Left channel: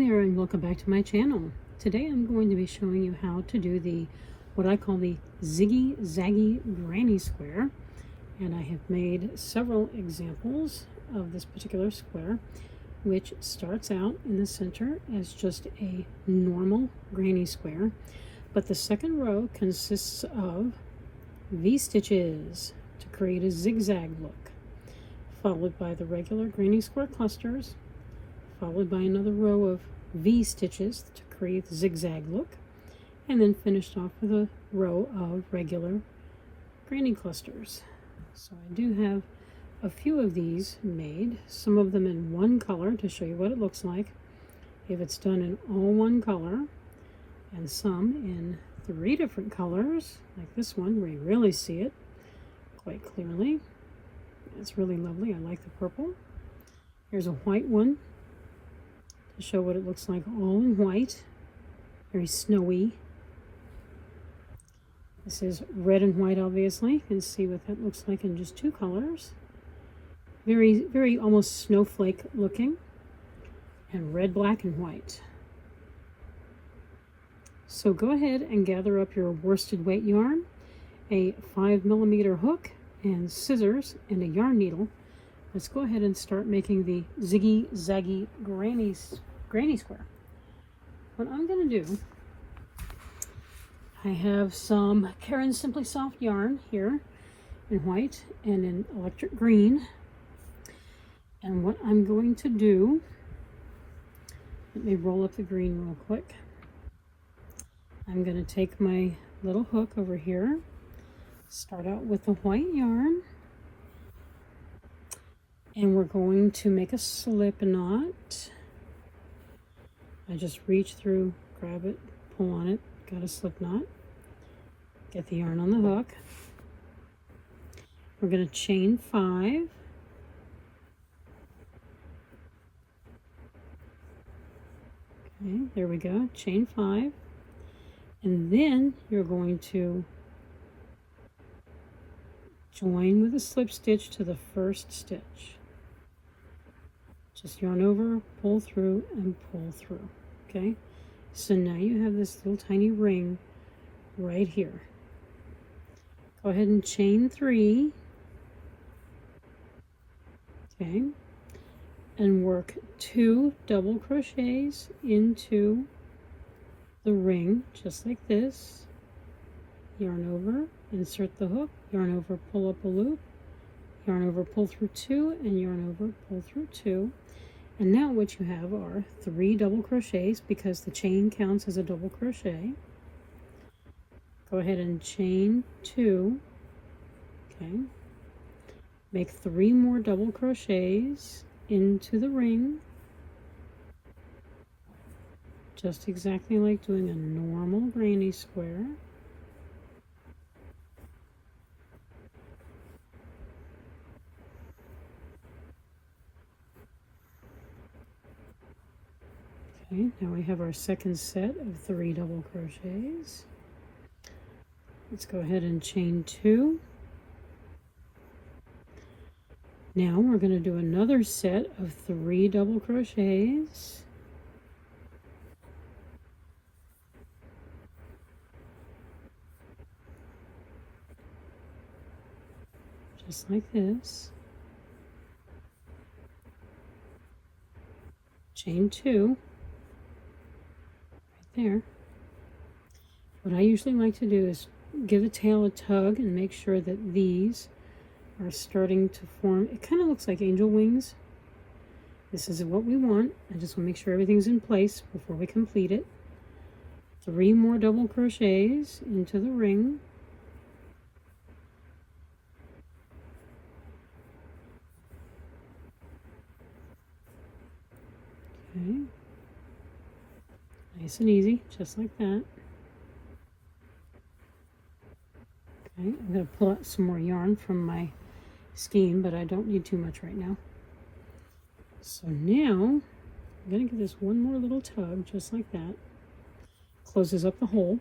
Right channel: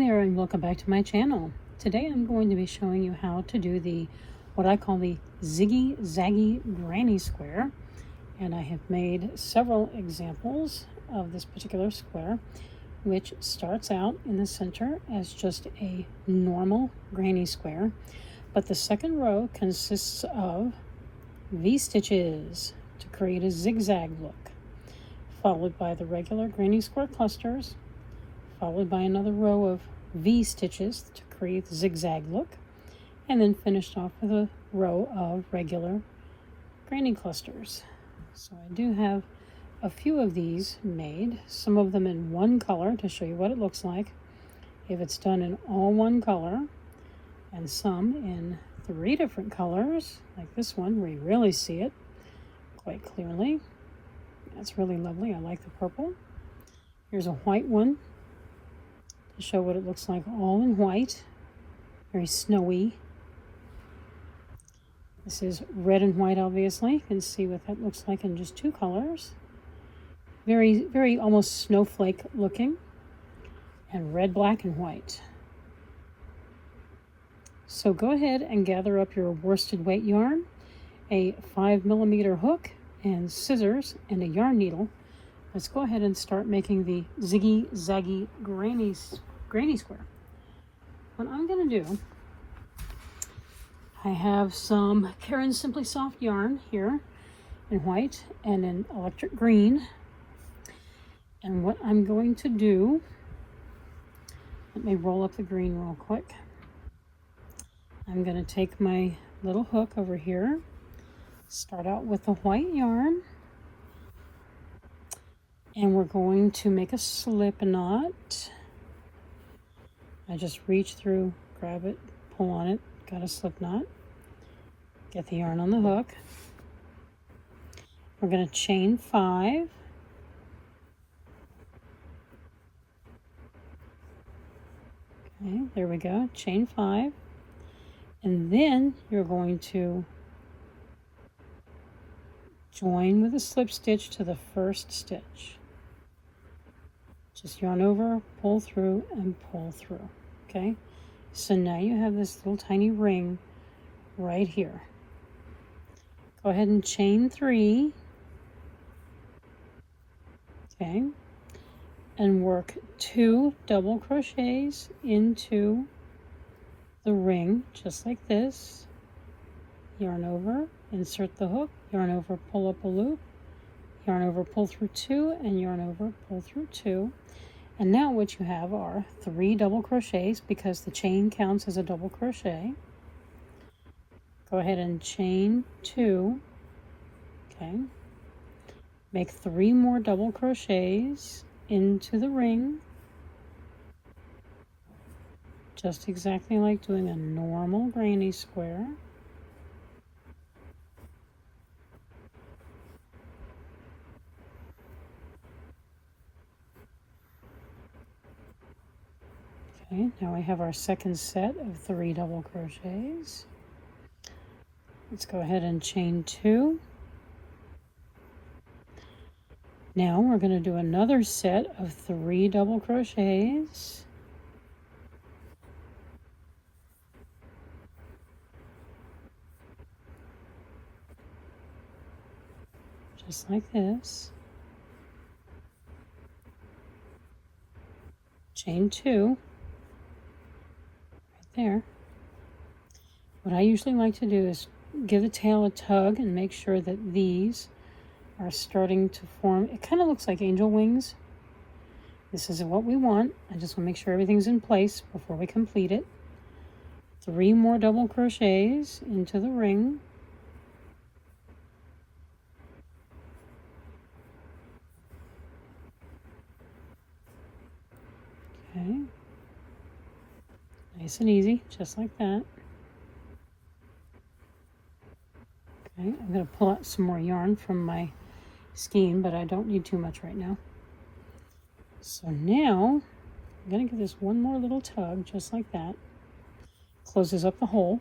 there and welcome back to my channel. Today I'm going to be showing you how to do what I call the Ziggy Zaggy granny square, and I have made several examples of this particular square, which starts out in the center as just a normal granny square, but the second row consists of V-stitches to create a zigzag look, followed by the regular granny square clusters, followed by another row of V-stitches to create the zigzag look, and then finished off with a row of regular granny clusters. So I do have a few of these made, some of them in one color to show you what it looks like if it's done in all one color, and some in 3 different colors, like this one where you really see it quite clearly. That's really lovely. I like the purple. Here's a white one to show what it looks like all in white, very snowy. This is red and white, obviously. You can see what that looks like in just 2 colors. Very almost snowflake looking, and red, black, and white. So go ahead and gather up your worsted weight yarn, a 5mm hook, and scissors, and a yarn needle. Let's go ahead and start making the Ziggy Zaggy granny square. What I'm going to do, I have some Caron Simply Soft yarn here in white and in electric green. And what I'm going to do, let me roll up the green real quick. I'm going to take my little hook over here, start out with the white yarn, and we're going to make a slip knot. I just reach through, grab it, pull on it, got a slip knot. Get the yarn on the hook. We're going to chain 5. Okay, there we go, chain 5. And then you're going to join with a slip stitch to the first stitch. Just yarn over, pull through, and pull through. Okay, so now you have this little tiny ring right here. Go ahead and chain 3. Okay, and work 2 double crochets into the ring, just like this. Yarn over, insert the hook, yarn over, pull up a loop, yarn over, pull through 2, and yarn over, pull through 2. And now what you have are 3 double crochets because the chain counts as a double crochet. Go ahead and chain 2. Okay. Make 3 more double crochets into the ring, just exactly like doing a normal granny square. Okay, now we have our second set of 3 double crochets. Let's go ahead and chain 2. Now we're going to do another set of 3 double crochets. Just like this. Chain 2 right there. What I usually like to do is give the tail a tug and make sure that these are starting to form. It kind of looks like angel wings. This is what we want. I just want to make sure everything's in place before we complete it. 3 more double crochets into the ring. Okay, nice and easy, just like that. Okay, I'm going to pull out some more yarn from my skein, but I don't need too much right now. So now I'm going to give this one more little tug, just like that. Closes up the hole.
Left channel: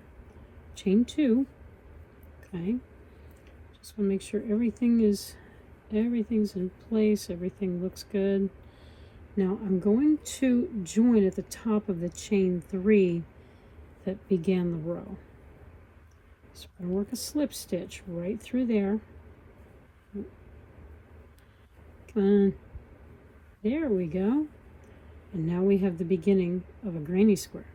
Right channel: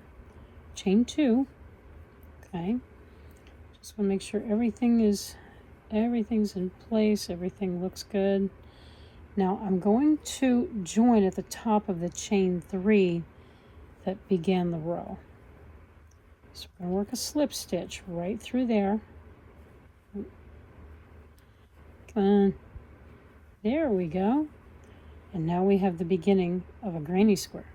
Chain 2. Okay, just want to make sure everything's in place, everything looks good. Now I'm going to join at the top of the chain 3 that began the row. So we're going to work a slip stitch right through there. Come on. There we go. And now we have the beginning of a granny square.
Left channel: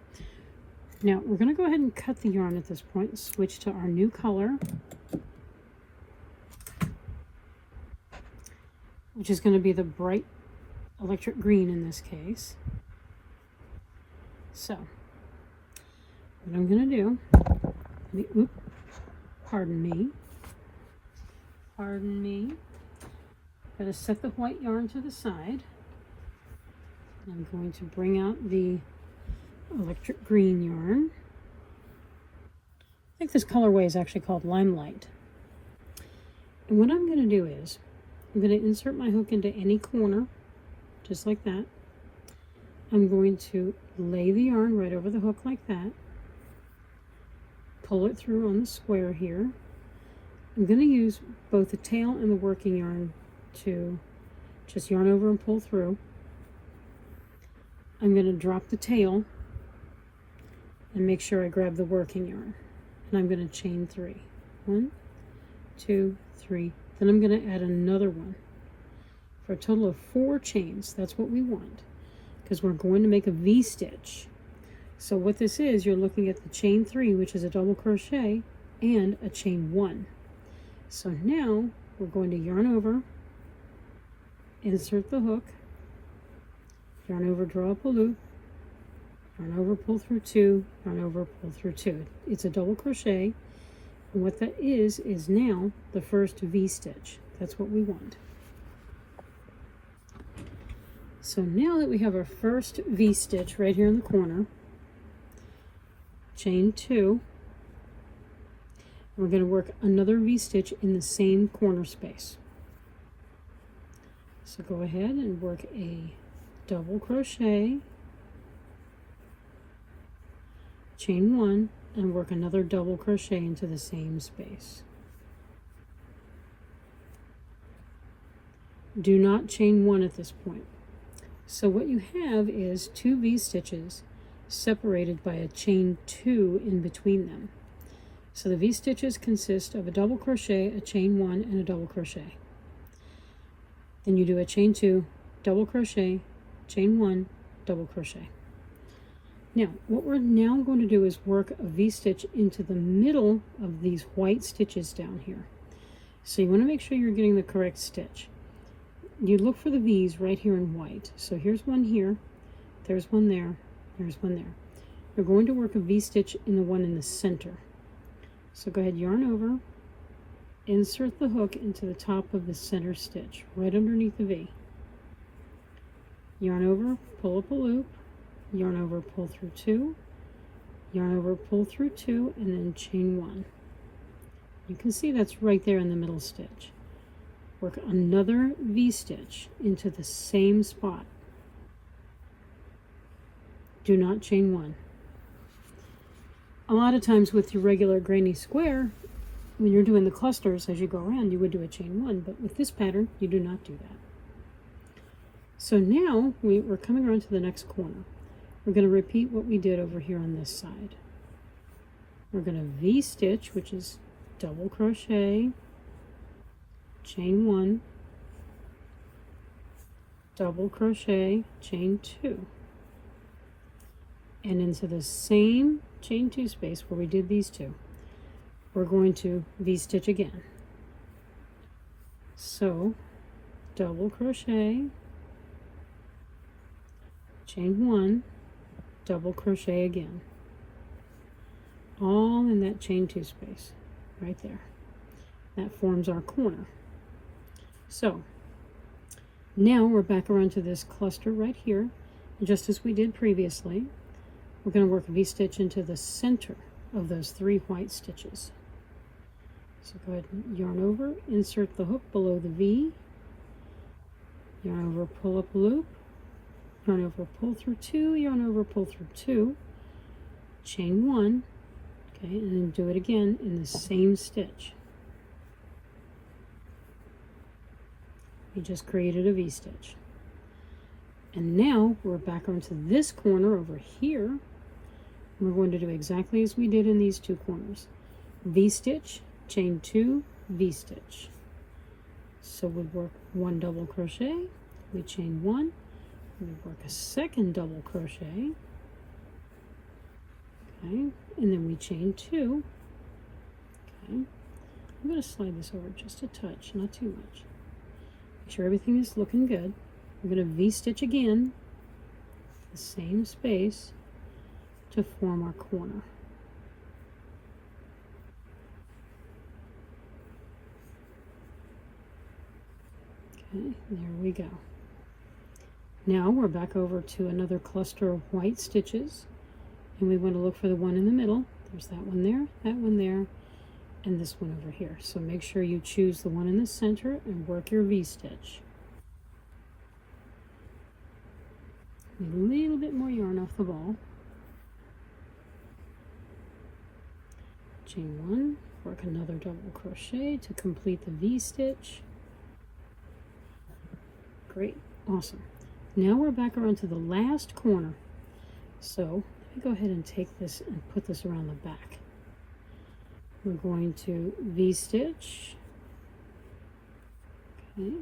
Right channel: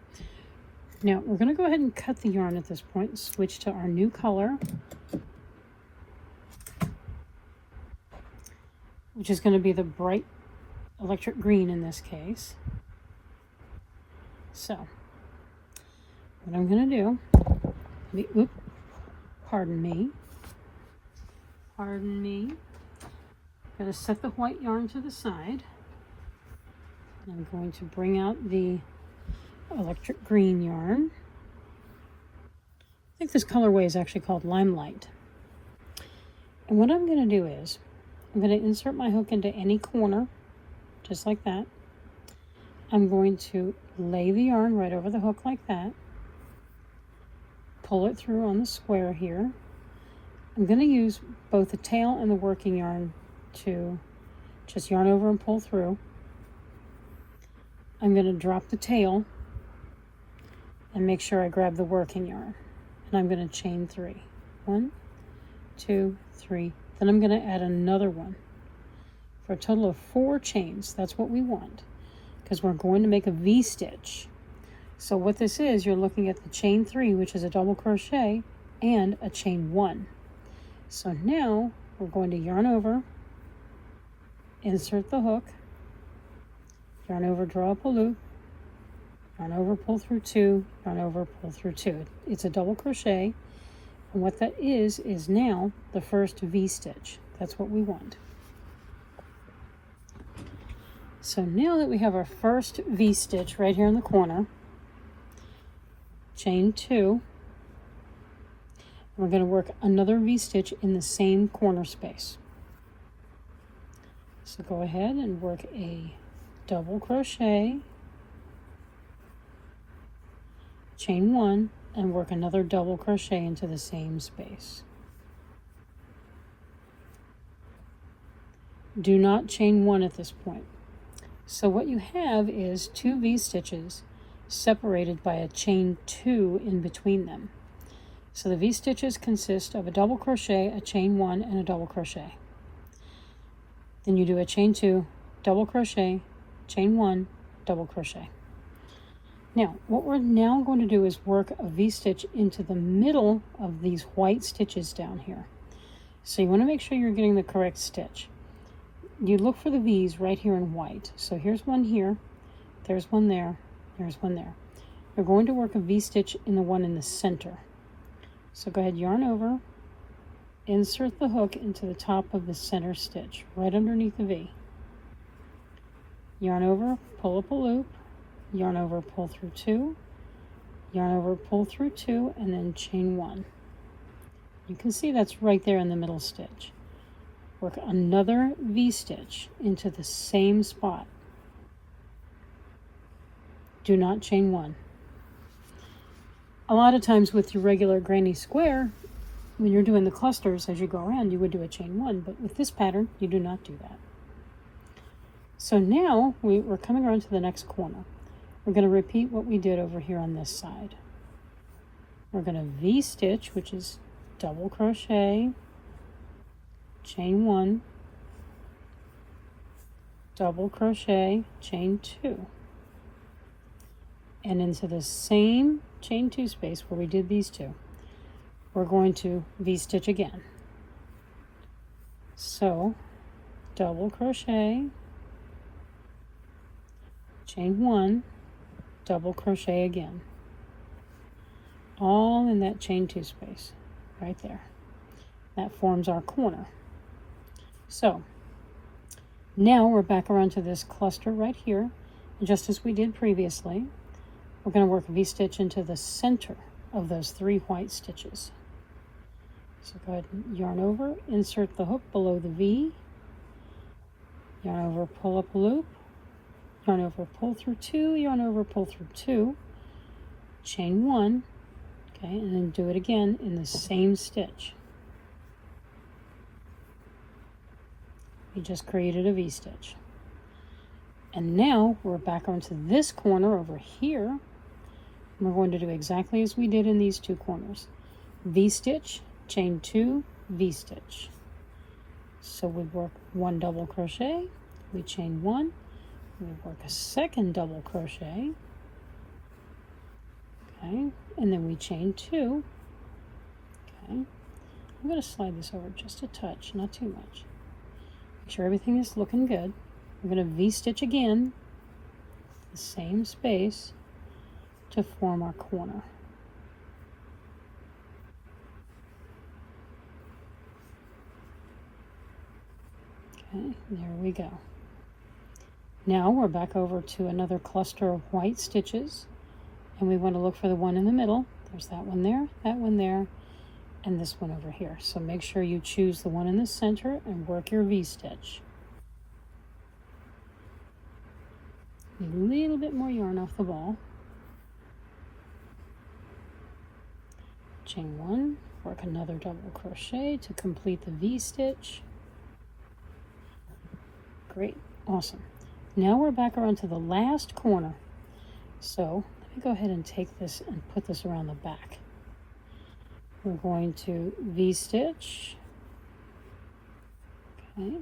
Now we're going to go ahead and cut the yarn at this point and switch to our new color, which is going to be the bright electric green in this case. So what I'm going to do, pardon me. I'm going to set the white yarn to the side. I'm going to bring out the electric green yarn. I think this colorway is actually called Limelight. And what I'm going to do is, I'm going to insert my hook into any corner, just like that. I'm going to lay the yarn right over the hook like that. Pull it through on the square here. I'm going to use both the tail and the working yarn to just yarn over and pull through. I'm going to drop the tail and make sure I grab the working yarn. And I'm going to chain 3. 1, 2, 3. Then I'm going to add another one for a total of 4 chains. That's what we want, because we're going to make a V-stitch. So what this is, you're looking at the chain 3, which is a double crochet, and a chain 1. So now we're going to yarn over, insert the hook, yarn over, draw up a loop, yarn over, pull through 2, yarn over, pull through 2. It's a double crochet, and what that is now the first V-stitch. That's what we want. So now that we have our first V-stitch right here in the corner, chain 2, we're going to work another V-stitch in the same corner space. So go ahead and work a double crochet, chain 1, and work another double crochet into the same space. Do not chain 1 at this point. So what you have is 2 V-stitches separated by a chain 2 in between them. So the V-stitches consist of a double crochet, a chain 1, and a double crochet. Then you do a chain 2, double crochet, chain 1, double crochet. Now, what we're now going to do is work a V-stitch into the middle of these white stitches down here. So you want to make sure you're getting the correct stitch. You look for the V's right here in white. So here's one here, there's one there, there's one there. We're going to work a V-stitch in the one in the center. So go ahead, yarn over, insert the hook into the top of the center stitch, right underneath the V. Yarn over, pull up a loop, yarn over, pull through 2, yarn over, pull through 2, and then chain 1. You can see that's right there in the middle stitch. Work another V-stitch into the same spot. Do not chain 1. A lot of times with your regular granny square, when you're doing the clusters as you go around, you would do a chain 1, but with this pattern, you do not do that. So now we're coming around to the next corner. We're going to repeat what we did over here on this side. We're going to V-stitch, which is double crochet, chain 1, double crochet, chain 2, and into the same chain 2 space where we did these 2, we're going to V-stitch again. So double crochet, chain 1, double crochet again, all in that chain 2 space right there. That forms our corner. So now we're back around to this cluster right here, and just as we did previously, we're going to work a V-stitch into the center of those 3 white stitches. So go ahead and yarn over, insert the hook below the V, yarn over, pull up a loop, yarn over, pull through 2, yarn over, pull through 2, chain 1, okay, and then do it again in the same stitch. You just created a V-stitch. And now we're back onto this corner over here. We're going to do exactly as we did in these two corners. V-stitch, chain 2, V-stitch. So we work 1 double crochet, we chain 1, we work a second double crochet, okay, and then we chain 2, okay. I'm going to slide this over just a touch, not too much. Make sure everything is looking good. I'm going to V-stitch again, the same space, to form our corner. Okay, there we go. Now we're back over to another cluster of white stitches, and we want to look for the one in the middle. There's that one there, and this one over here. So make sure you choose the one in the center and work your V-stitch. A little bit more yarn off the ball. Chain 1, work another double crochet to complete the V-stitch. Great, awesome. Now we're back around to the last corner. So let me go ahead and take this and put this around the back. We're going to V-stitch. Okay.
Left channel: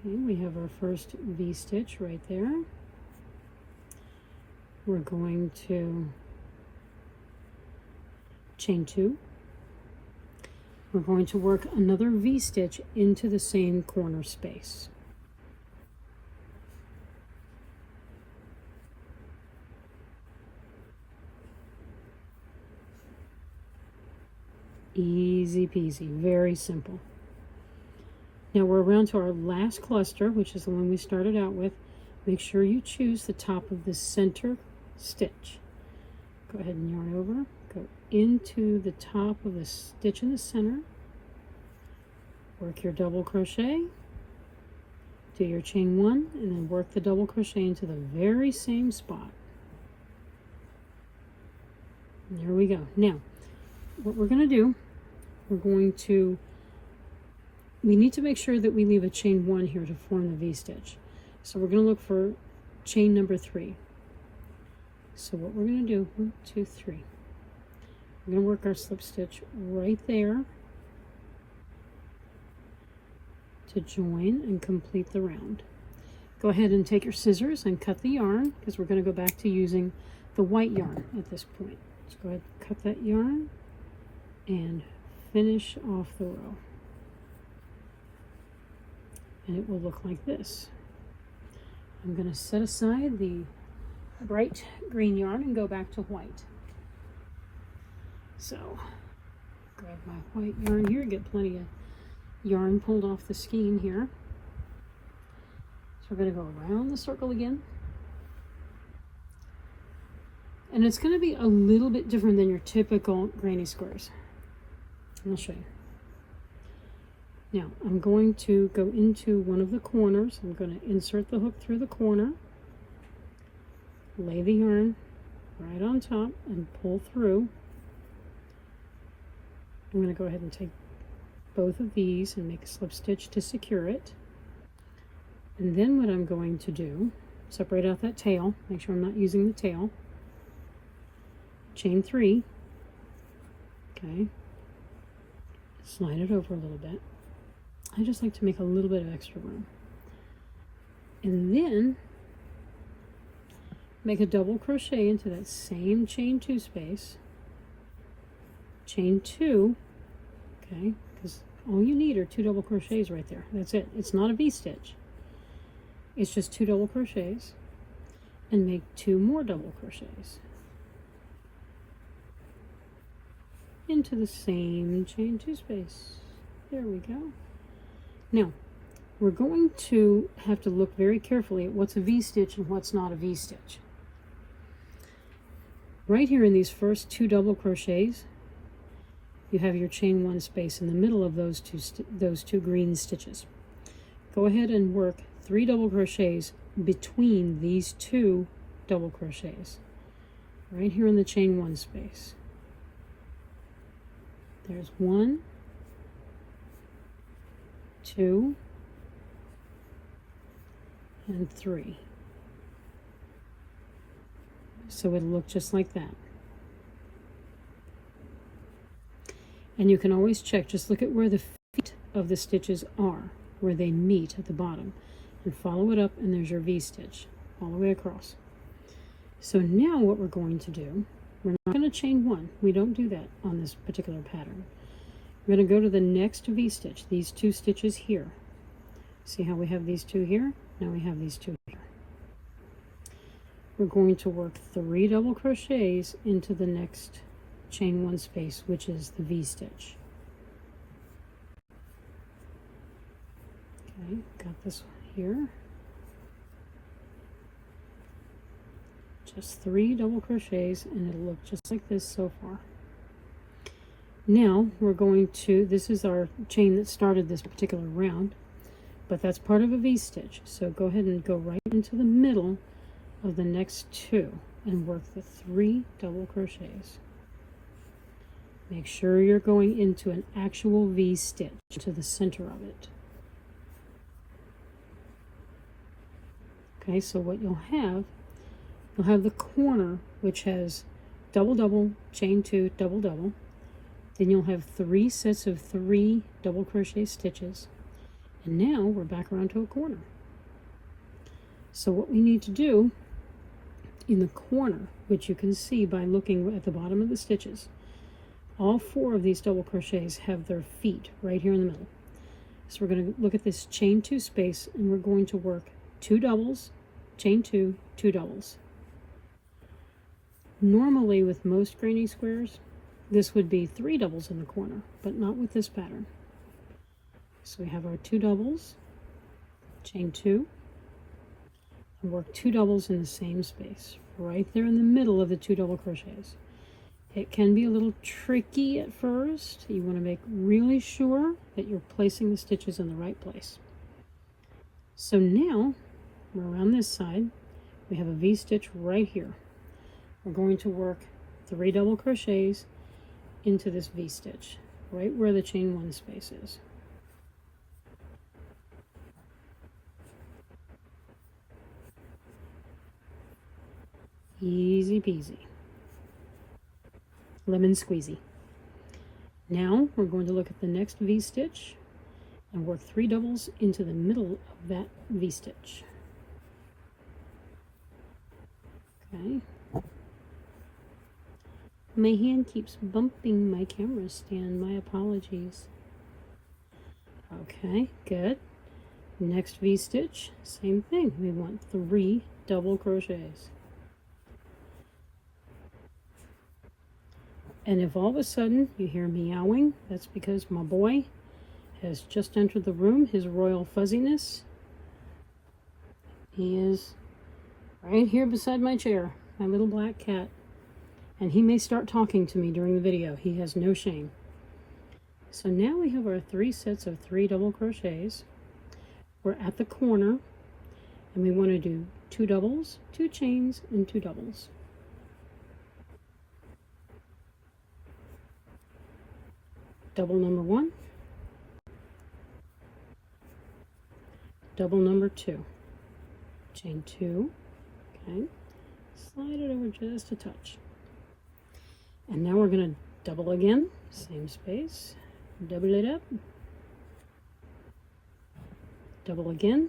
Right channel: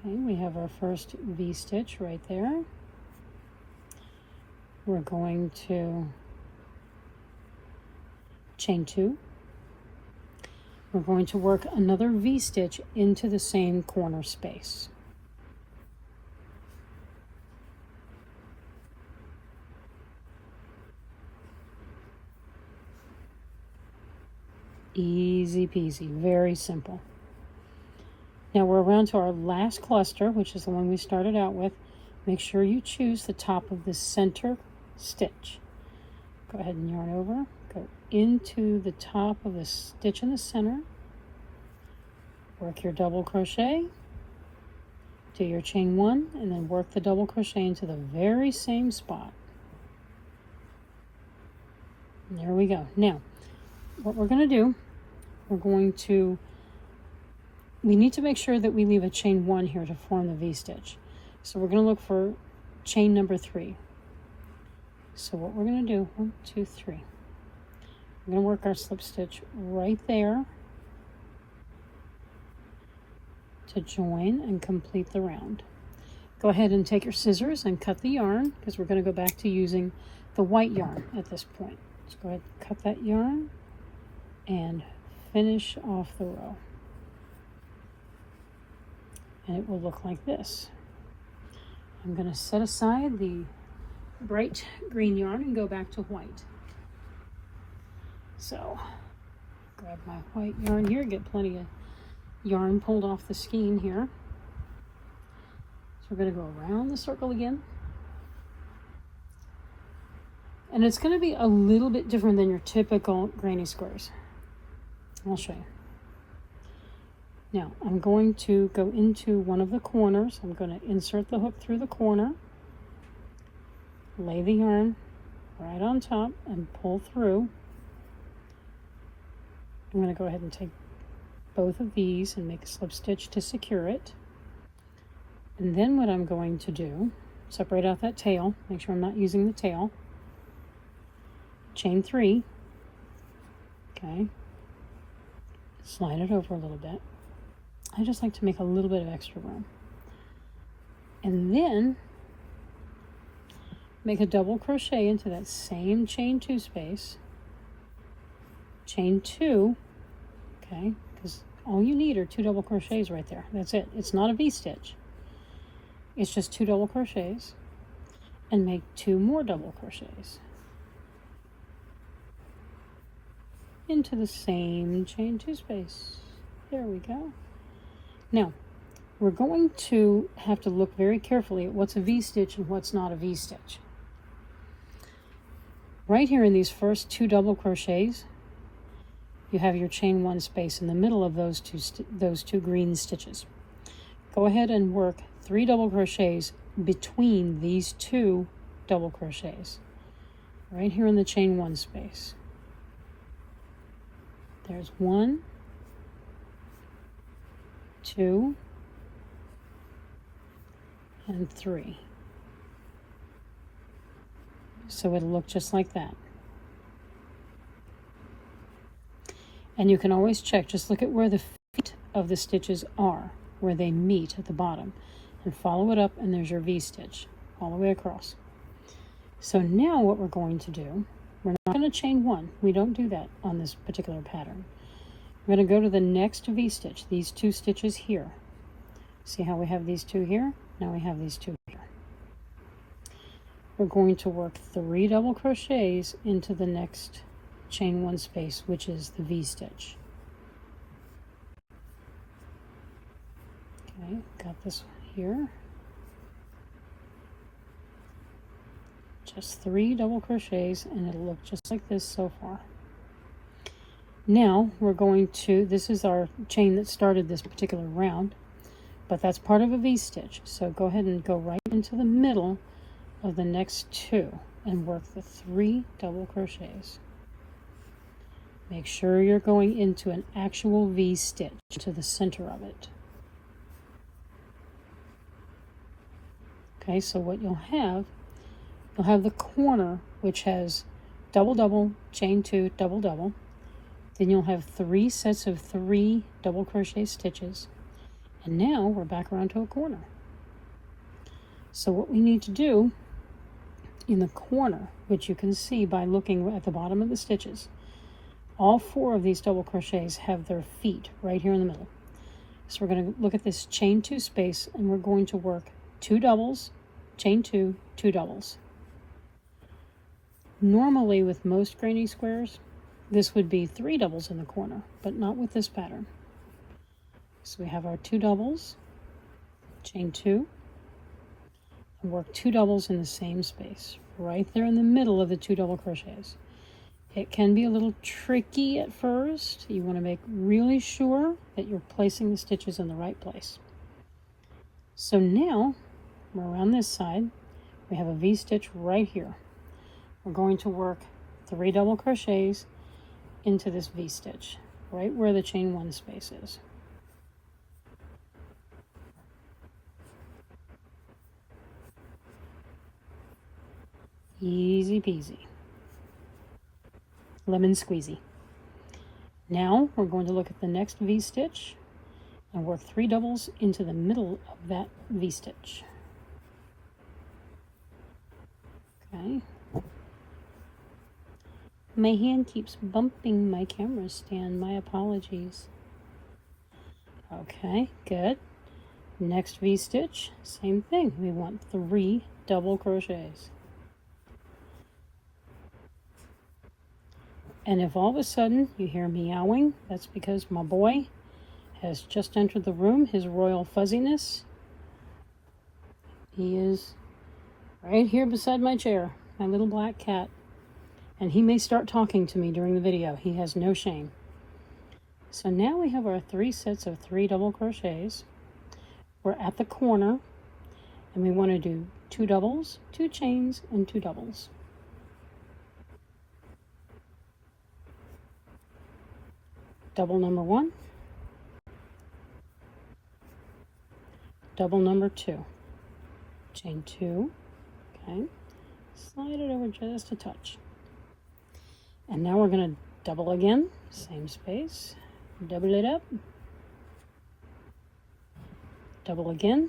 Okay, we have our first V-stitch right there. We're going to chain 2. We're going to work another V-stitch into the same corner space. Easy peasy, very simple. Now we're around to our last cluster, which is the one we started out with. Make sure you choose the top of the center stitch. Go ahead and yarn over. Go into the top of the stitch in the center. Work your double crochet. Do your chain 1 and then work the double crochet into the very same spot. And there we go. Now, what we're going to do, we need to make sure that we leave a chain 1 here to form the V-stitch. So we're going to look for chain number 3. So what we're going to do, 1, 2, 3. We're going to work our slip stitch right there to join and complete the round. Go ahead and take your scissors and cut the yarn, because we're going to go back to using the white yarn at this point. So go ahead and cut that yarn and finish off the row. And it will look like this. I'm going to set aside the bright green yarn and go back to white. So grab my white yarn here, get plenty of yarn pulled off the skein here. So we're going to go around the circle again. And it's going to be a little bit different than your typical granny squares. I'll show you. Now I'm going to go into one of the corners. I'm going to insert the hook through the corner, lay the yarn right on top and pull through. I'm going to go ahead and take both of these and make a slip stitch to secure it. And then what I'm going to do, separate out that tail, make sure I'm not using the tail, chain 3, okay, slide it over a little bit. I just like to make a little bit of extra room. And then make a double crochet into that same chain 2 space, chain 2, okay, because all you need are 2 double crochets right there. That's it. It's not a V-stitch. It's just 2 double crochets, and make 2 more double crochets into the same chain 2 space. There we go. Now, we're going to have to look very carefully at what's a V-stitch and what's not a V-stitch. Right here in these first 2 double crochets, you have your chain 1 space in the middle of those two green stitches. Go ahead and work 3 double crochets between these 2 double crochets, right here in the chain 1 space. There's 1, 2 and 3. So it'll look just like that. And you can always check, just look at where the feet of the stitches are, where they meet at the bottom, and follow it up, and there's your V-stitch all the way across. So now what we're going to do, we're not going to chain 1. We don't do that on this particular pattern. We're going to go to the next V-stitch, these 2 stitches here. See how we have these 2 here? Now we have these 2 here. We're going to work 3 double crochets into the next chain 1 space, which is the V-stitch. Okay, got this one here. Just 3 double crochets, and it'll look just like this so far. Now we're going to, this is our chain that started this particular round, but that's part of a V-stitch. So go ahead and go right into the middle of the next 2 and work the 3 double crochets. Make sure you're going into an actual V-stitch to the center of it. Okay, so what you'll have the corner, which has double double, chain 2, double double. Then you'll have 3 sets of 3 double crochet stitches. And now we're back around to a corner. So what we need to do in the corner, which you can see by looking at the bottom of the stitches, all 4 of these double crochets have their feet right here in the middle. So we're going to look at this chain 2 space, and we're going to work 2 doubles, chain 2, 2 doubles. Normally with most granny squares, this would be 3 doubles in the corner, but not with this pattern. So we have our 2 doubles, chain 2, and work 2 doubles in the same space, right there in the middle of the 2 double crochets. It can be a little tricky at first. You want to make really sure that you're placing the stitches in the right place. So now we're around this side. We have a V-stitch right here. We're going to work 3 double crochets into this V-stitch, right where the chain 1 space is. Easy peasy. Lemon squeezy. Now we're going to look at the next V-stitch and work 3 doubles into the middle of that V-stitch. Okay. My hand keeps bumping my camera stand. My apologies. Okay, good. Next V-stitch, same thing. We want 3 double crochets. And if all of a sudden you hear meowing, that's because my boy has just entered the room, his royal fuzziness. He is right here beside my chair, my little black cat. And he may start talking to me during the video. He has no shame. So now we have our 3 sets of 3 double crochets. We're at the corner, and we want to do 2 doubles, 2 chains, and 2 doubles. Double number 1, double number 2, chain 2, okay, slide it over just a touch. And now we're going to double again, same space, double it up, double again,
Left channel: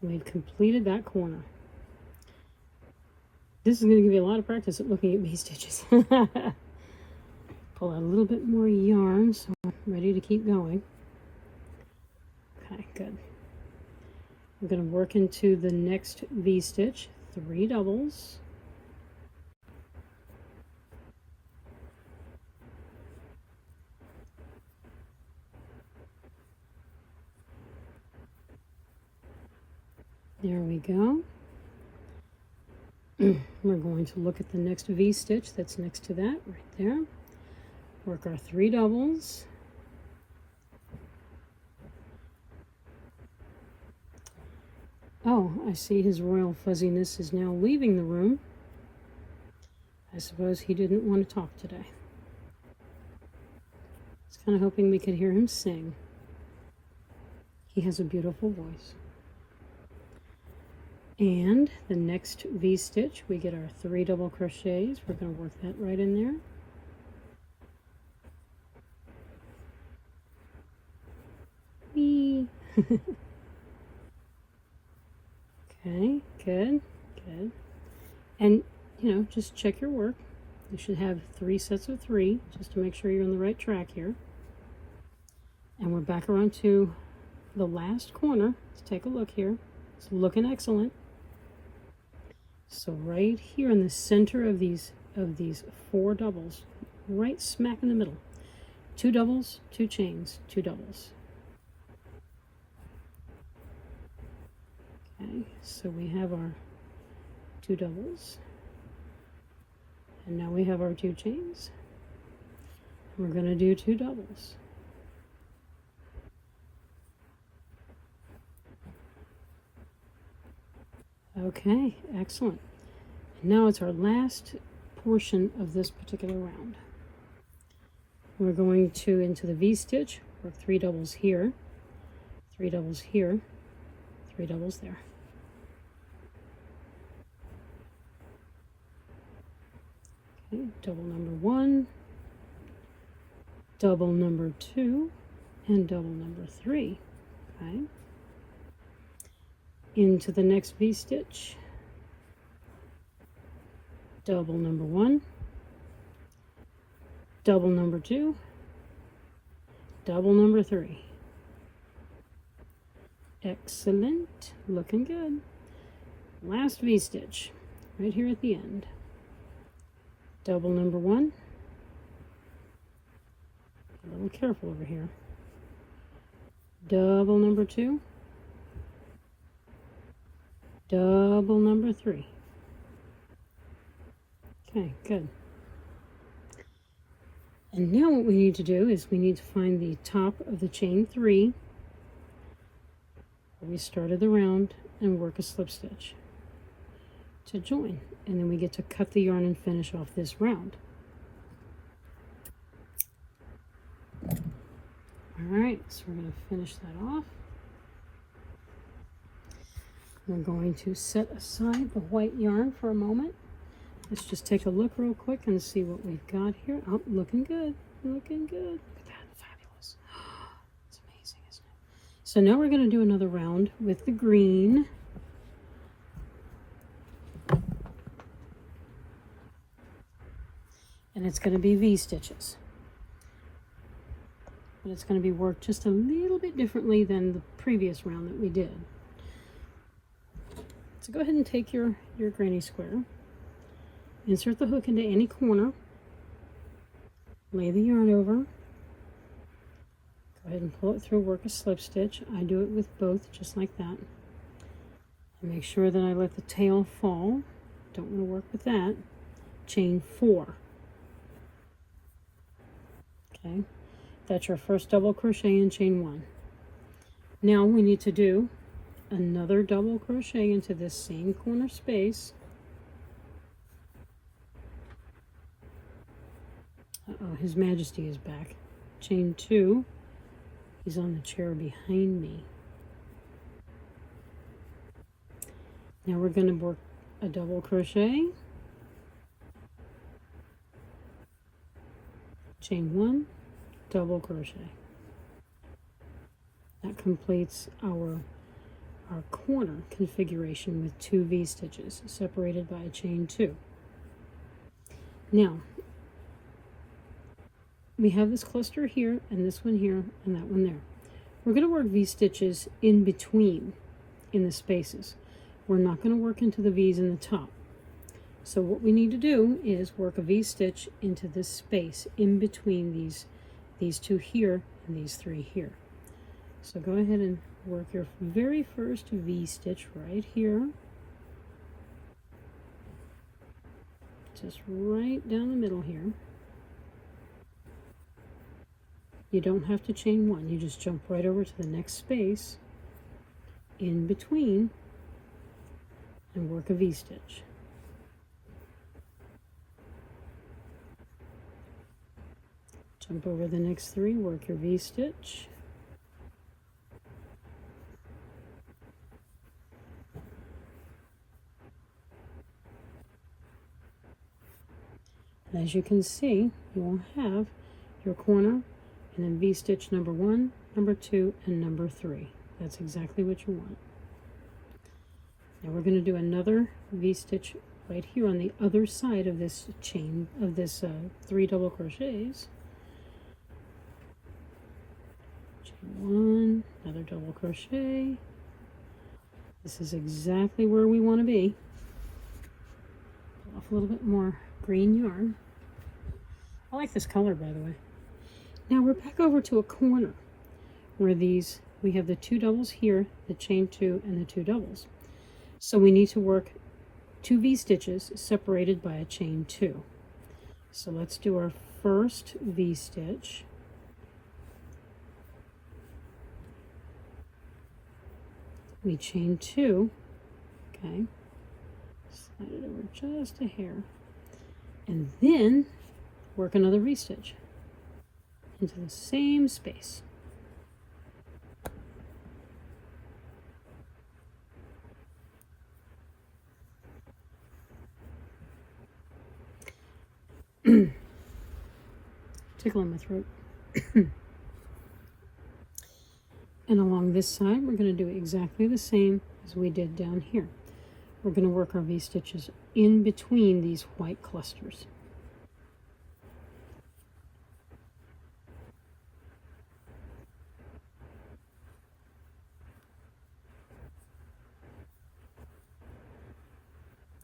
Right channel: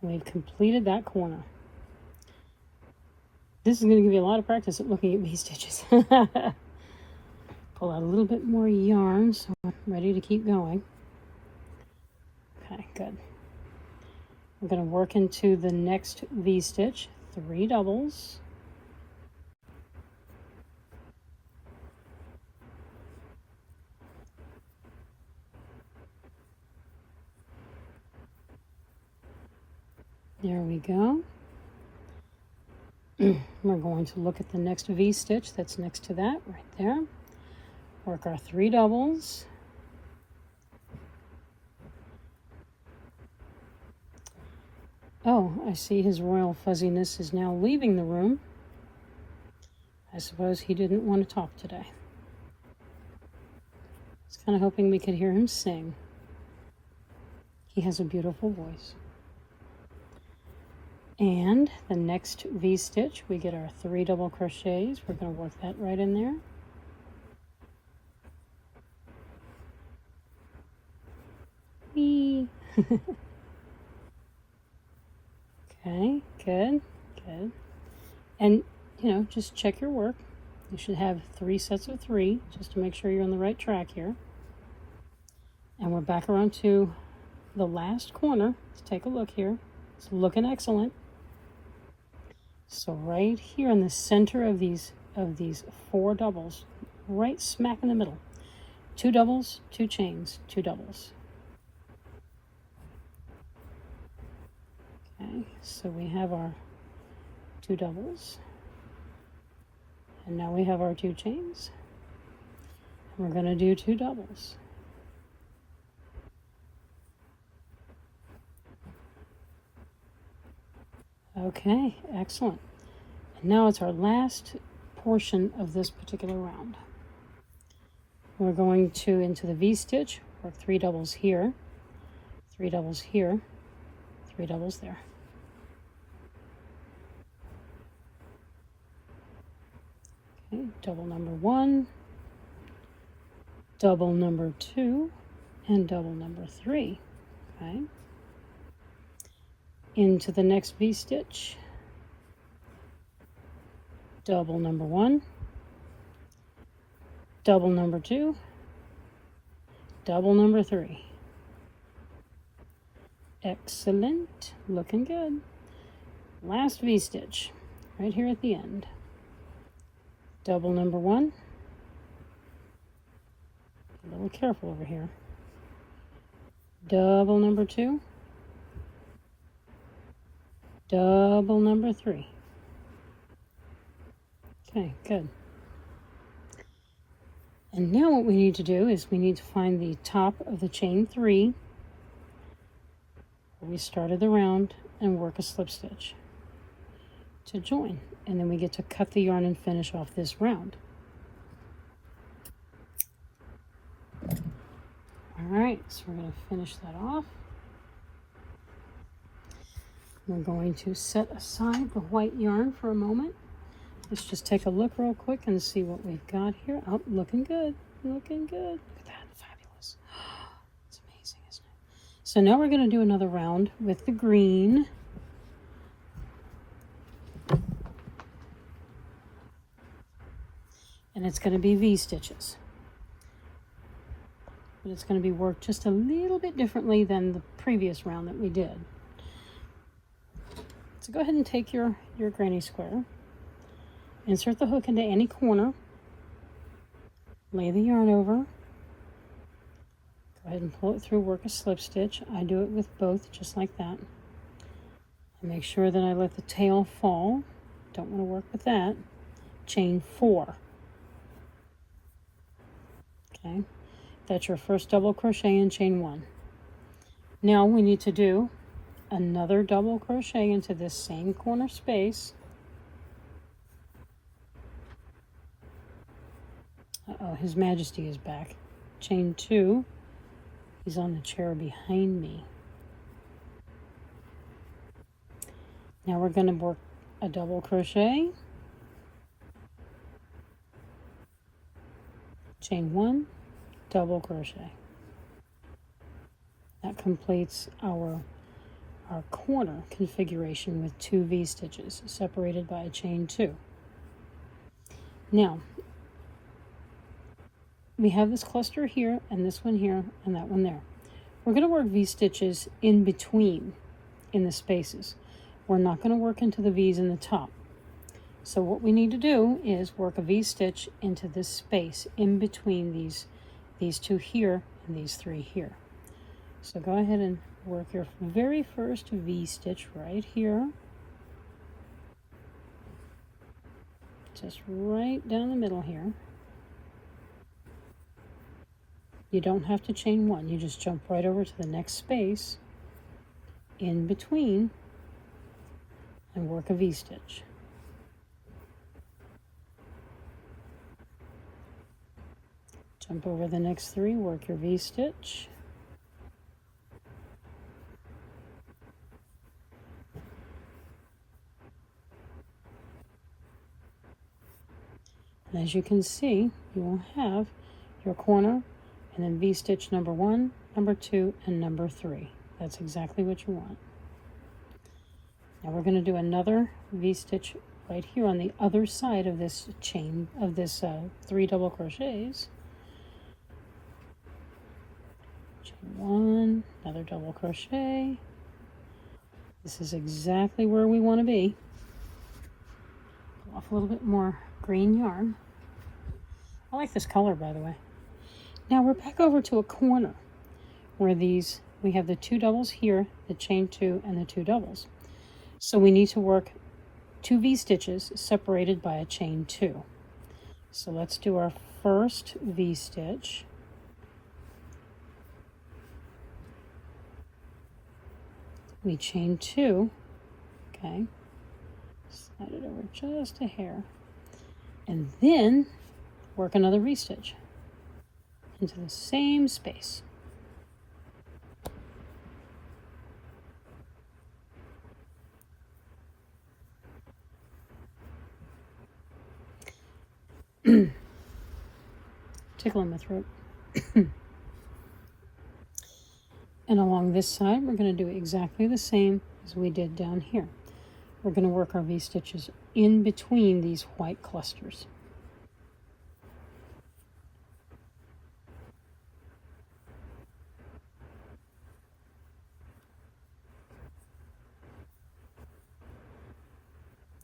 and we've completed that corner. This is going to give you a lot of practice at looking at these stitches. Pull out a little bit more yarn so I'm ready to keep going. Okay, good. We're going to work into the next V-stitch, 3 doubles. There we go. We're going to look at the next V-stitch that's next to that, right there. Work our 3 doubles. Oh, I see his royal fuzziness is now leaving the room. I suppose he didn't want to talk today. It's kind kind of hoping we could hear him sing. He has a beautiful voice. And the next V-stitch, we get our 3 double crochets. We're going to work that right in there. Whee! Okay, good, good. And, you know, just check your work. You should have 3 sets of 3, just to make sure you're on the right track here. And we're back around to the last corner. Let's take a look here. It's looking excellent. So right here in the center of these 4 doubles, right smack in the middle, 2 doubles, 2 chains, 2 doubles. Okay, so we have our 2 doubles, and now we have our 2 chains. We're going to do 2 doubles. Okay, excellent. And now it's our last portion of this particular round. We're going to, into the V-stitch, work 3 doubles here, 3 doubles here, 3 doubles there. Okay, double number 1, double number 2, and double number 3. Okay. Into the next V-stitch, double number 1, double number 2, double number 3. Excellent, looking good. Last V-stitch, right here at the end. Double number 1. A little careful over here. Double number 2. Double number 3. Okay, good. And now what we need to do is we need to find the top of the chain 3 where we started the round and work a slip stitch to join. And then we get to cut the yarn and finish off this round. All right, so we're going to finish that off. We're going to set aside the white yarn for a moment. Let's just take a look real quick and see what we've got here. Oh, looking good, looking good. Look at that, fabulous. It's amazing, isn't it? So now we're going to do another round with the green. And it's going to be V-stitches. And it's going to be worked just a little bit differently than the previous round that we did. So go ahead and take your granny square, insert the hook into any corner, lay the yarn over, go ahead and pull it through, work a slip stitch. I do it with both, just like that. And make sure that I let the tail fall. Don't want to work with that. Chain 4. Okay, that's your first double crochet in chain 1. Now we need to do another double crochet into this same corner space. Uh-oh, His Majesty is back. Chain 2. He's on the chair behind me. Now we're going to work a double crochet, chain 1, double crochet. That completes our corner configuration with 2 V-stitches separated by a chain 2. Now, we have this cluster here, and this one here, and that one there. We're going to work V-stitches in between, in the spaces. We're not going to work into the V's in the top. So what we need to do is work a V-stitch into this space in between these 2 here and these 3 here. So go ahead and work your very first V-stitch right here. Just right down the middle here. You don't have to chain 1, you just jump right over to the next space in between and work a V-stitch. Jump over the next 3, work your V-stitch. And as you can see, you will have your corner and then V-stitch number 1, number 2, and number 3. That's exactly what you want. Now we're going to do another V-stitch right here on the other side of this chain, of this 3 double crochets. Chain 1, another double crochet. This is exactly where we want to be. Pull off a little bit more green yarn. I like this color, by the way. Now we're back over to a corner where we have the 2 doubles here, the chain 2 and the 2 doubles. So we need to work 2 V-stitches separated by a chain 2. So let's do our first V-stitch. We chain 2, okay, slide it over just a hair, and then work another V-stitch into the same space. Tickling my throat. And along this side, we're going to do exactly the same as we did down here. We're going to work our V-stitches in between these white clusters.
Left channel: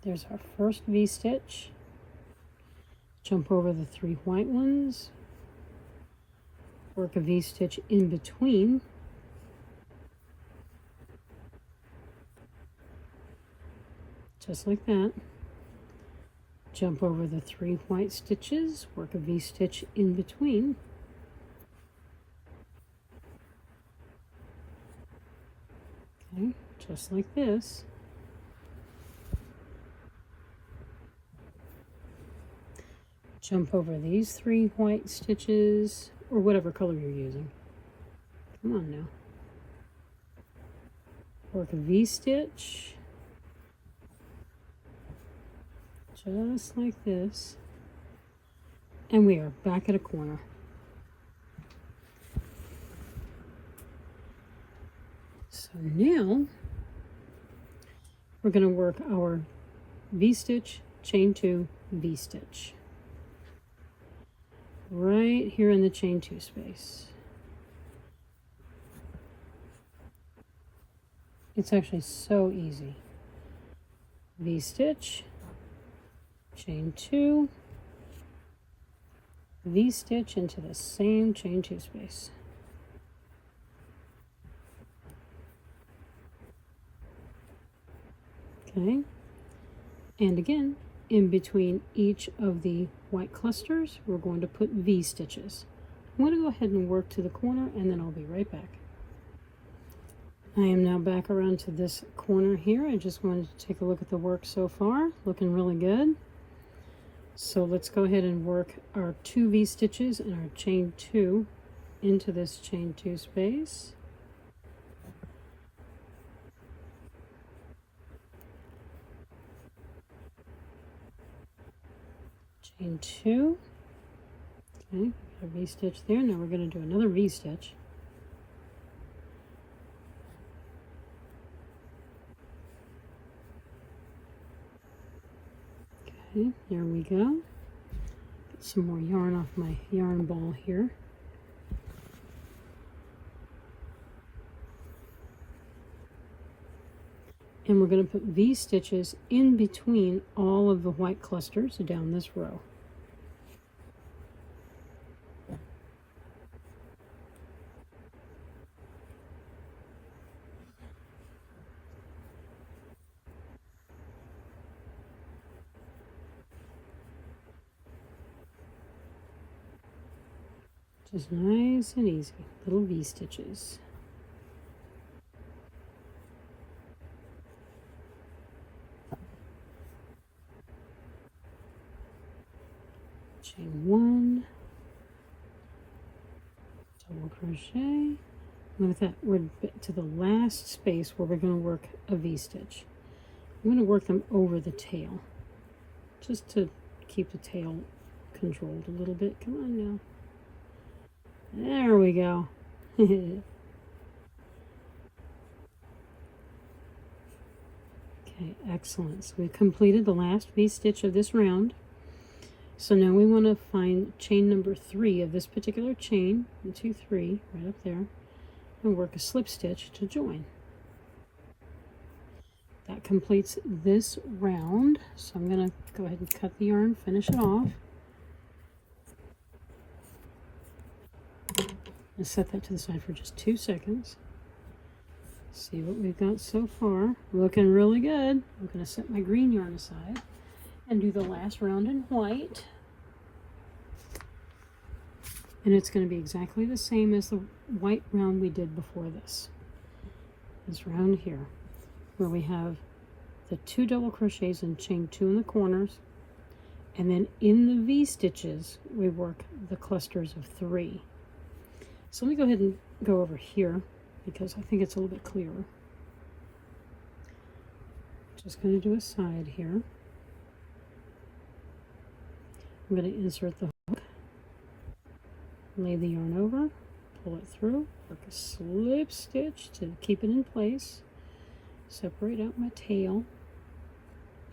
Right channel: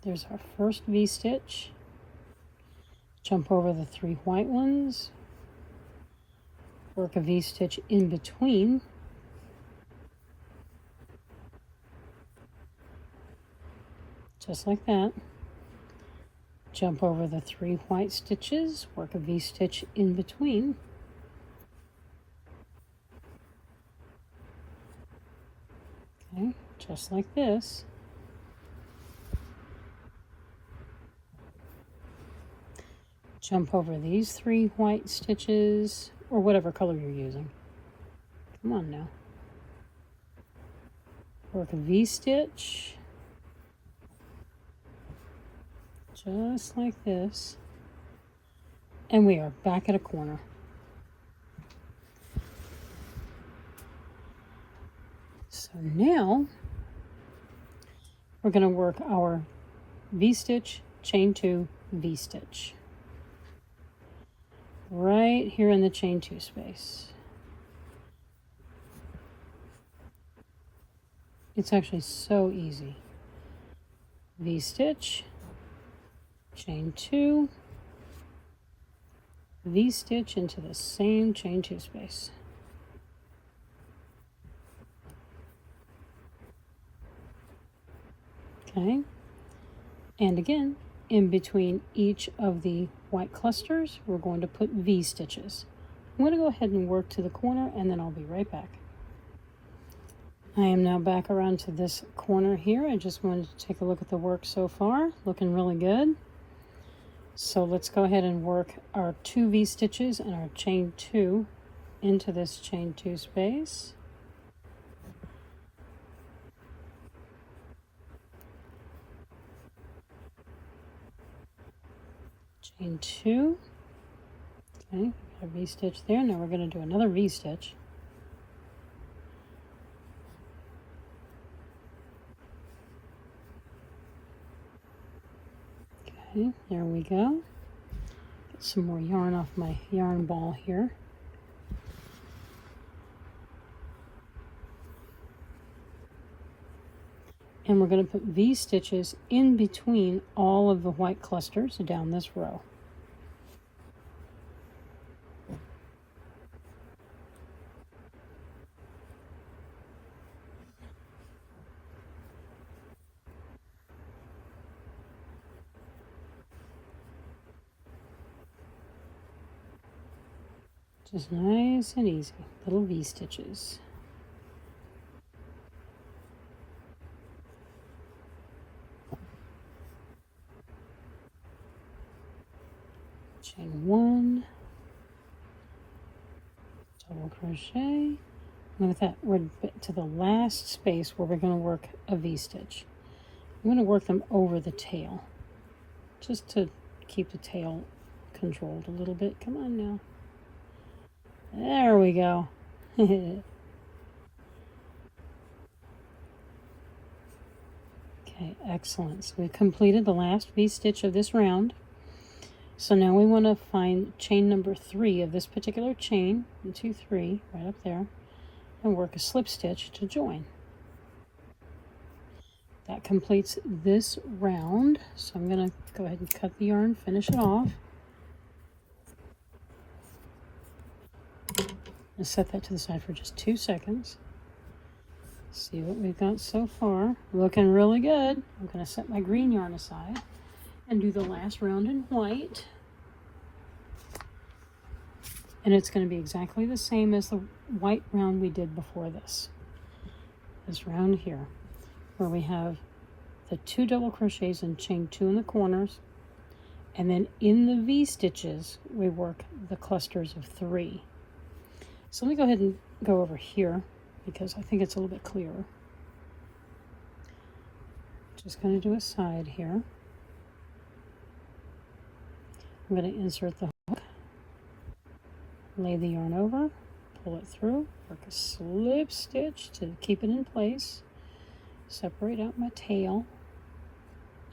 There's our first V-stitch. Jump over the 3 white ones. Work a V-stitch in between. Just like that. Jump over the 3 white stitches, work a V-stitch in between. Okay, just like this. Jump over these 3 white stitches, or whatever color you're using. Come on now. Work a V-stitch. Just like this, and we are back at a corner. So now we're going to work our V-stitch, chain 2, V-stitch right here in the chain 2 space. It's actually so easy. V-stitch, chain 2, V-stitch into the same chain 2 space. Okay, and again, in between each of the white clusters, we're going to put V-stitches. I'm going to go ahead and work to the corner, and then I'll be right back. I am now back around to this corner here. I just wanted to take a look at the work so far. Looking really good. So let's go ahead and work our 2 V-stitches and our chain 2 into this chain 2 space. Chain 2. Okay, got a V-stitch there. Now we're going to do another V-stitch. Okay, there we go. Get some more yarn off my yarn ball here. And we're going to put V-stitches in between all of the white clusters down this row. Just nice and easy, little V-stitches. Chain 1, double crochet. Look at that, we're to the last space where we're going to work a V-stitch. I'm going to work them over the tail, just to keep the tail controlled a little bit. Come on now. There we go. Okay, excellent. So we completed the last V-stitch of this round. So now we want to find chain number 3 of this particular chain, 1, 2, 3, right up there, and work a slip stitch to join. That completes this round. So I'm going to go ahead and cut the yarn, finish it off. And set that to the side for just 2 seconds. See what we've got so far. Looking really good. I'm going to set my green yarn aside and do the last round in white. And it's going to be exactly the same as the white round we did before this. This round here, where we have the 2 double crochets and chain 2 in the corners. And then in the V-stitches, we work the clusters of 3. So let me go ahead and go over here because I think it's a little bit clearer. Just going to do a side here. I'm going to insert the hook, lay the yarn over, pull it through, work a slip stitch to keep it in place, separate out my tail.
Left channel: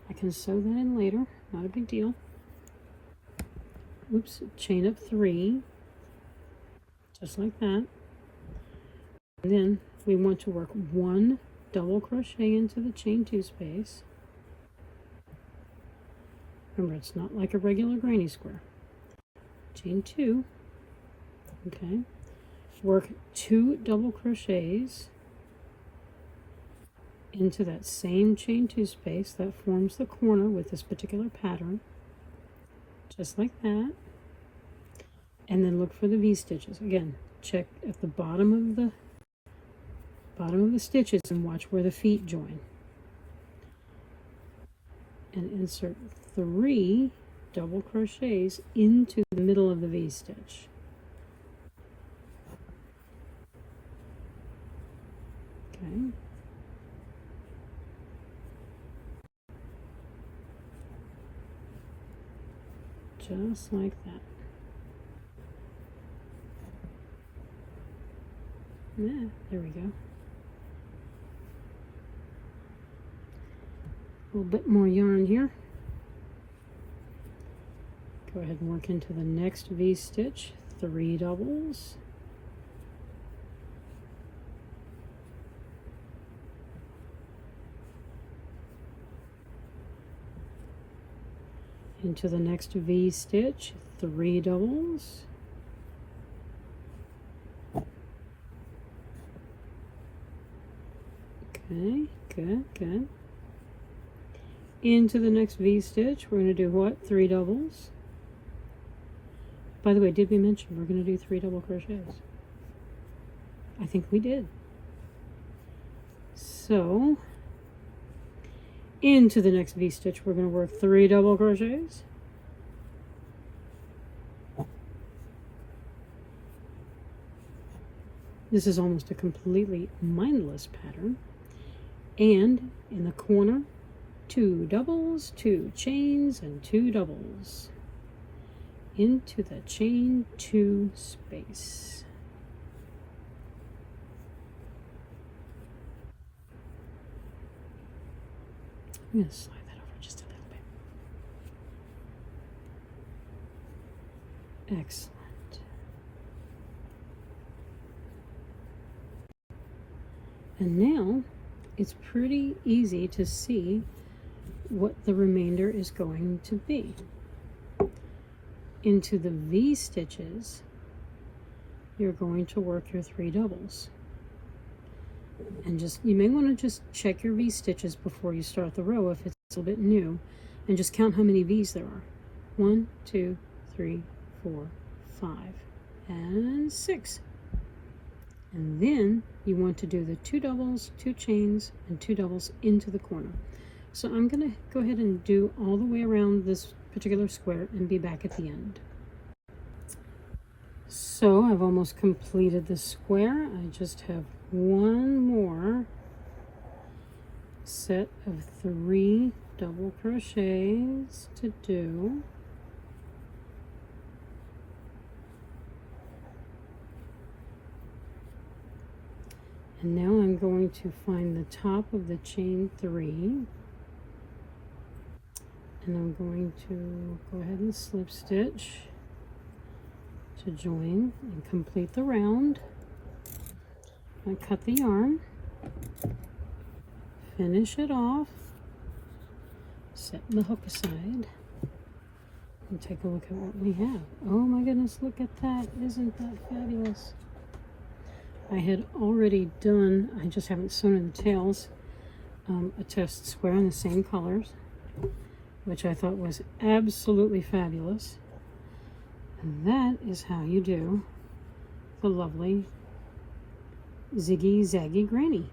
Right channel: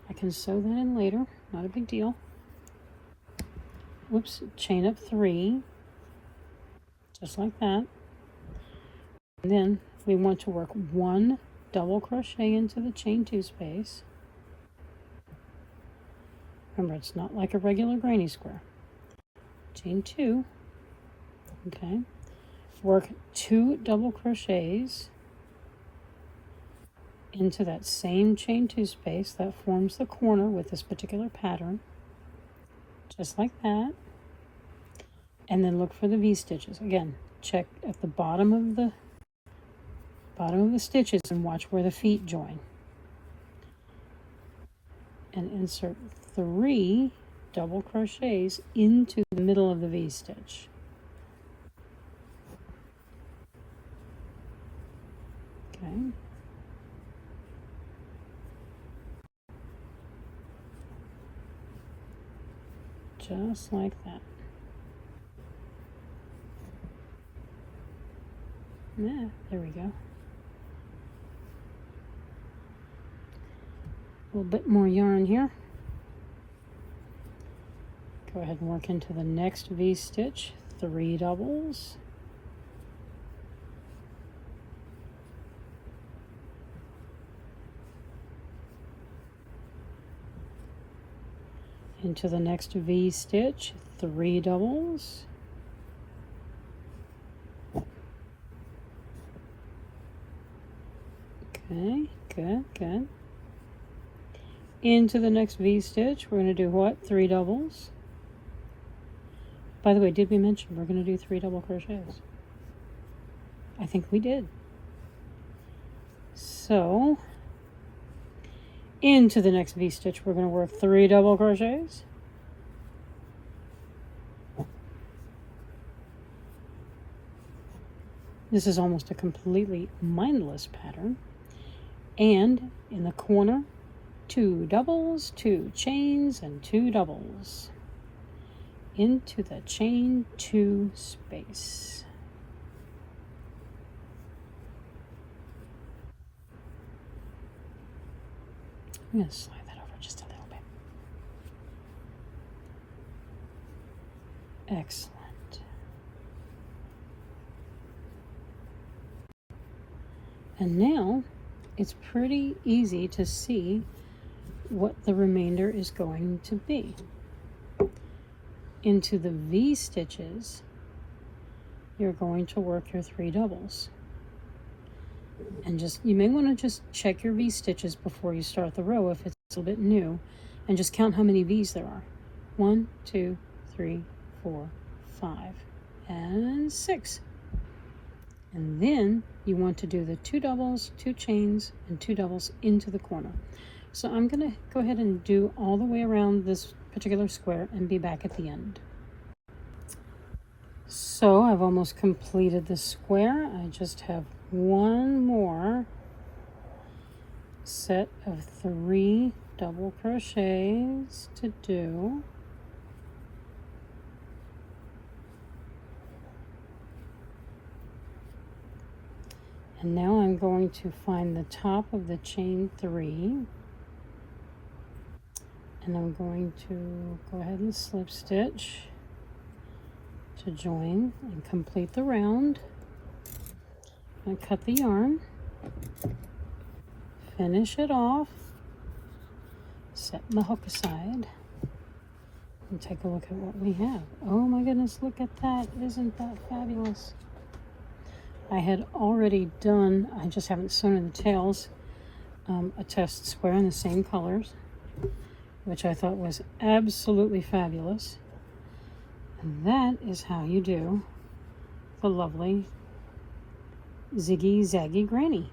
I can sew that in later, not a big deal. Whoops, chain up 3. Just like that. And then we want to work 1 double crochet into the chain 2 space. Remember, it's not like a regular granny square. Chain 2. Okay. Work 2 double crochets into that same chain 2 space that forms the corner with this particular pattern. Just like that. And then look for the V-stitches. Again, check at the bottom of the stitches and watch where the feet join. And insert 3 double crochets into the middle of the V-stitch. Okay. Just like that. Yeah, there we go. A little bit more yarn here. Go ahead and work into the next V-stitch, 3 doubles. Into the next V-stitch, 3 doubles. Okay, good, good. Into the next V-stitch, we're going to do what? 3 doubles. By the way, did we mention we're going to do 3 double crochets? I think we did. So, into the next V-stitch, we're going to work 3 double crochets. This is almost a completely mindless pattern. And in the corner, 2 doubles, 2 chains, and 2 doubles into the chain 2 space. I'm going to slide that over just a little bit. Excellent. And now it's pretty easy to see what the remainder is going to be. Into the V stitches, you're going to work your 3 doubles. And you may want to just check your V stitches before you start the row if it's a little bit new, and just count how many V's there are. 1, 2, 3, 4, 5, and 6. And then you want to do the 2 doubles, 2 chains, and 2 doubles into the corner. So I'm going to go ahead and do all the way around this particular square and be back at the end. So I've almost completed the square. I just have one more set of 3 double crochets to do. And now I'm going to find the top of the chain 3, and I'm going to go ahead and slip stitch to join and complete the round. I cut the yarn, finish it off, set the hook aside, and take a look at what we have. Oh my goodness, look at that. Isn't that fabulous? I had already done, I just haven't sewn in the tails, a test square in the same colors, which I thought was absolutely fabulous. And that is how you do the lovely Ziggy Zaggy Granny.